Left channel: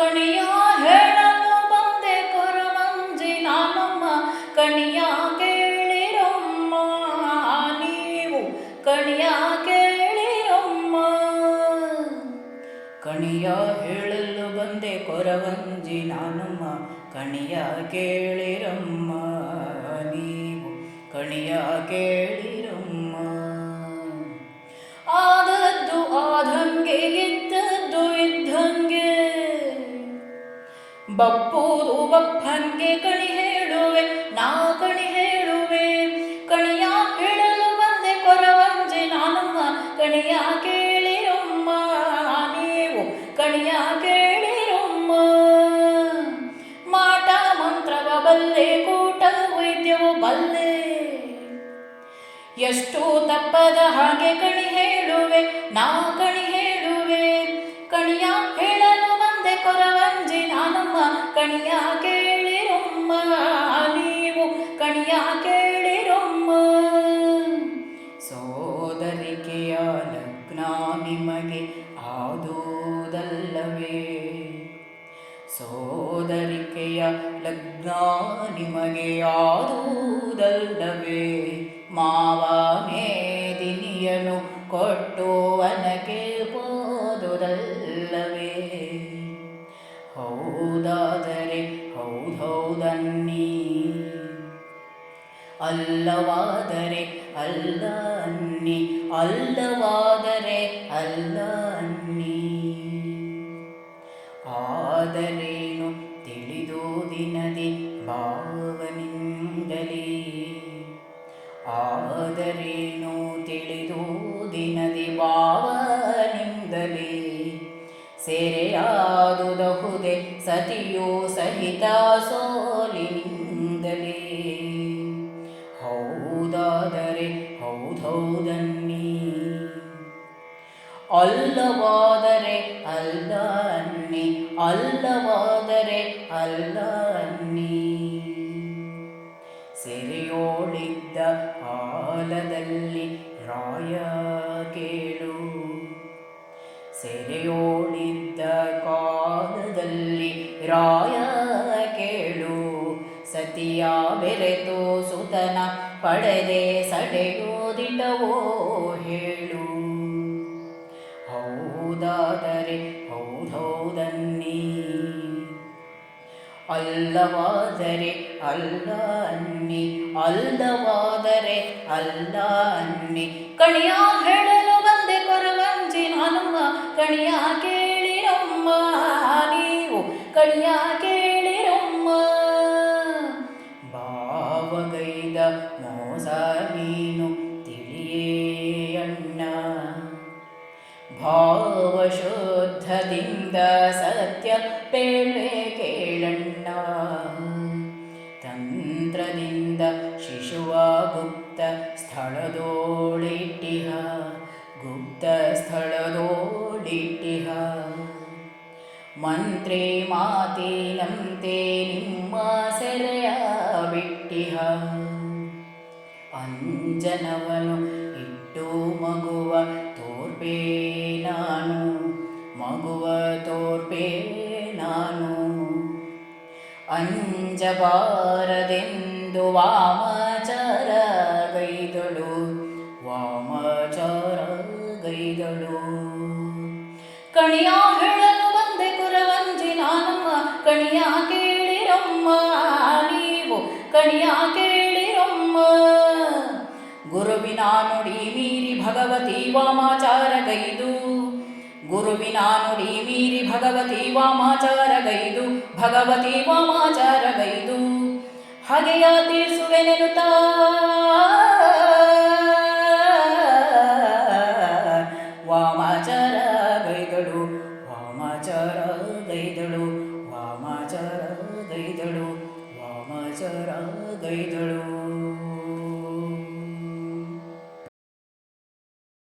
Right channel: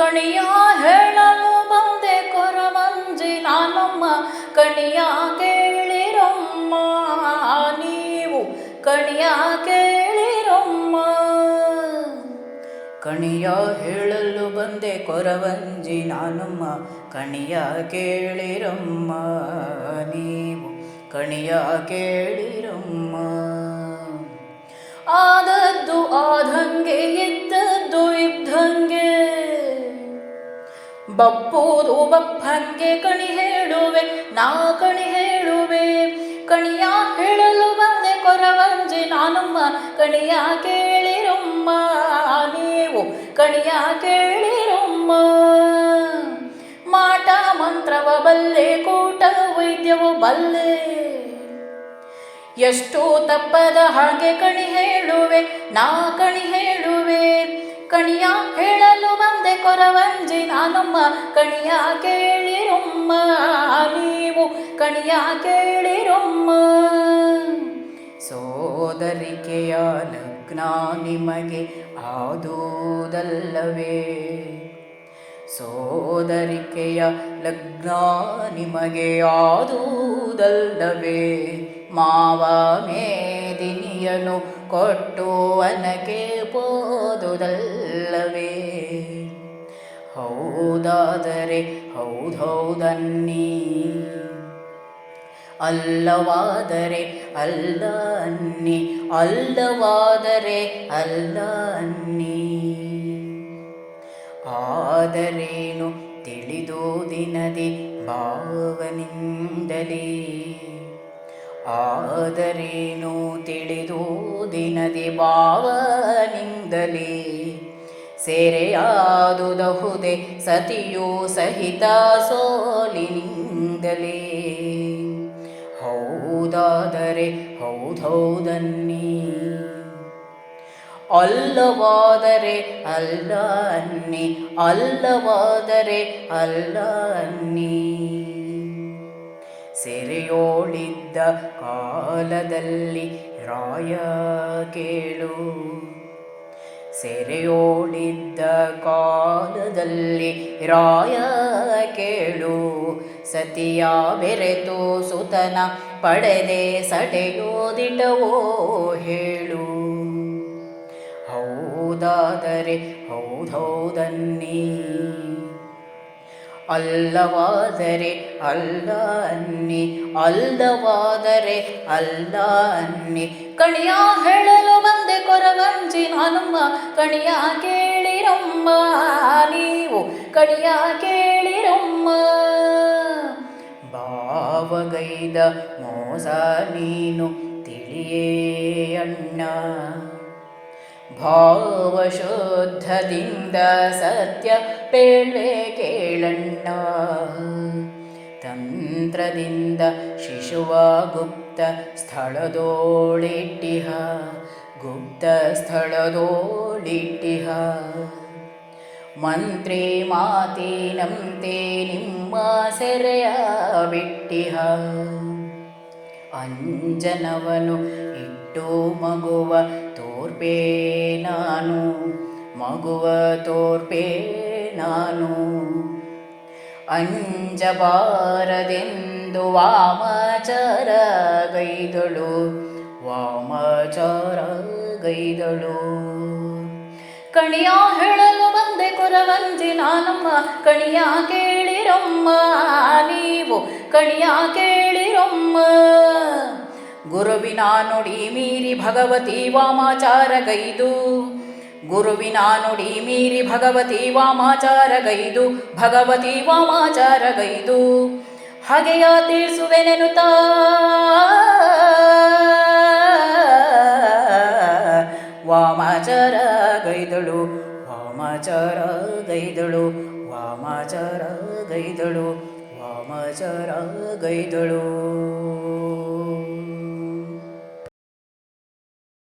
ಕಣಿಯ ಹೇಳಲು ಬಂದೆ ಕೊರವಂಜಿ ನಾನಮ್ಮ ಕಣಿಯ ಕೇಳಿರಮ್ಮ ನೀವು ಕಣಿಯ ಕೇಳಿರಮ್ಮ. ಕಣಿಯ ಹೇಳಲು ಬಂದೆ ಕೊರವಂಜಿ ನಾನಮ್ಮ ಕಣಿಯ ಕೇಳಿರಮ್ಮ ನೀವು ಕಣಿಯ ಕೇಳಿರಮ್ಮ. ಆದದ್ದು ಆದಂಗೆ ಇದ್ದದ್ದು ಇದ್ದಂಗೆ ಬಪ್ಪುದು ಬಪ್ಪಂಗೆ ಕಣಿ ಹೇಳುವೆ ನಾ ಕಣಿ ಹೇಳುವೆ. ಕಣಿಯ ಹೇಳಲು ಬಂದೆ ಕೊರವಂಜಿ ನಾನಮ್ಮ ಕಣಿಯ ಕೇಳಿರಮ್ಮ ನೀವು ಕಣಿಯ ಕೇಳಿರಮ್ಮ. ಮಾಟ ಮಂತ್ರವ ಬಲ್ಲೆ ಕೂಟ ವೈದ್ಯವು ಬಲ್ಲೆ ಎಷ್ಟು ತಪ್ಪದ ಹಾಗೆ ಕಣಿ ಹೇಳುವೆ ನಾ ಕಣಿ ಹೇಳುವೆ. ಕಣಿಯ ಹೇಳಲು ಬಂದೆ ಕೊರವಂಜಿ ನಾನಮ್ಮ ಕಣಿಯ ಕೇಳಿರಮ್ಮ ನೀವು ಕಣಿಯ ಕೇಳಿರಮ್ಮ. ಸೋದರಿಕೆಯ ಲಗ್ನ ನಿಮಗೆ ಆದುದಲ್ಲವೇ ಸೋದರಿಕೆಯ ಲಗ್ನ ನಿಮಗೆ ಆದುದಲ್ಲವೇ. ಮಾವ ಮೇದಿನಿಯನು ಕೊಟ್ಟುವನಗೆ ಪೋದುದಲ್ಲವೇ. ಹೌದಾದರೆ ಹೌದೌದನ್ನಿ ಅಲ್ಲವಾದರೆ ಅಲ್ಲ ಅನ್ನಿ ಅಲ್ಲವಾದರೆ ಅಲ್ಲ ಅನ್ನಿ. ಆದರೇನು ತಿಳಿದು ದಿನದಿ ಭಾವನಿಂದಲೇ ಆದರೇನು ತಿಳಿದು ದಿನದಿ ಭಾವನಿಂದಲೇ. ಸೆರೆಯಾದುದಹುದೆ ಸತಿಯು ಸಹಿತ ಸೋಲಿನಿಂದಲೇ. ಹೌದಾದರೆ ಹೌದೌದನ್ನಿ ಅಲ್ಲವಾದರೆ ಅಲ್ಲ ಅನ್ನಿ ಅಲ್ಲವಾದರೆ ಅಲ್ಲ ಅನ್ನಿ. ಸೆರೆಯೋಳಿದ್ದ ಕಾಲದಲ್ಲಿ ರಾಯ ಕೇಳು ಸೆರೆಯೋಳಿದ್ದ ಕಾಲದಲ್ಲಿ ರಾಯ ಕೇಳು. ಸತಿಯ ಬೆರೆತು ಸುತನ ಪಡೆದೆ ಸಡೆಯೋದಿಟವೋ ಹೇಳು. ಹೌದಾದರೆ ಹೌದೌದನ್ನಿ ಅಲ್ಲವಾದರೆ ಅಲ್ಲ ಅನ್ನಿ ಅಲ್ಲವಾದರೆ ಅಲ್ಲ ಅನ್ನಿ. ಕಣಿಯ ಹೇಳಲು ಬಂದೆ ಕೊರವಂಜಿ ನಾನಮ್ಮ ಕಣಿಯ ಕೇಳಿರಮ್ಮ ನೀವು ಕಣಿಯ ಕೇಳಿರಮ್ಮ. ಭಾವಗೈದ ಮೋಸ ನೀನು ತಿಳಿಯೇ ಅಣ್ಣ ಭಾವಶುದ್ಧದಿಂದ ಸತ್ಯ ಪೇಳ್ವೆ ಕೇಳಣ್ಣ. ತಂತ್ರದಿಂದ ಶಿಶುವ ಗುಪ್ತ ಸ್ಥಳದೋಳಿಟ್ಟಿಹ ಗುಪ್ತ ಸ್ಥಳದೋಳಿಟ್ಟಿಹ. ಮಂತ್ರಿ ಮಾತಿನಂತೆ ನಿಮ್ಮ ಸೆರೆಯ ಬಿಟ್ಟಿಹ. ಅಂಜನವನು ಇಟ್ಟು ಮಗುವ ತೋರ್ಪೆ ನಾನು ಮಗುವ ತೋರ್ಪೆ ನಾನು. ಅಂಜಬಾರದೆಂದು ವಾಮಚಾರ ಗೈದಳು ವಾಮಚಾರ ಗೈದಳು. ಕಣಿಯ ಹೇಳಲು ಬಂದೆ ಕೊರವಂಜಿ ನಾನಮ್ಮ ಕಣಿಯ ಕೇಳಿರಮ್ಮ ನೀವು ಕಣಿಯ ಕೇಳಿರಮ್ಮ. ಗುರುವಿನ ನುಡಿ ಮೀರಿ ಭಗವತಿ ವಾಮಾಚಾರ ಗೈದು ಗುರುವಿನ ನುಡಿ ಮೀರಿ ಭಗವತಿ ವಾಮಾಚಾರ ಗೈದು ಭಗವತಿ ವಾಮಾಚಾರ ಗೈದು. ಹಗೆಯ ತೀರ್ಸುವೆನೆನುತ್ತಾ ವಾಮಾಚಾರ ಗೈದಳು ವಾಮಾಚಾರ ಗೈದಳು ವಾಮಾಚಾರ ಗೈದಳು ವಾಮಾಚಾರ ಗೈದಳು.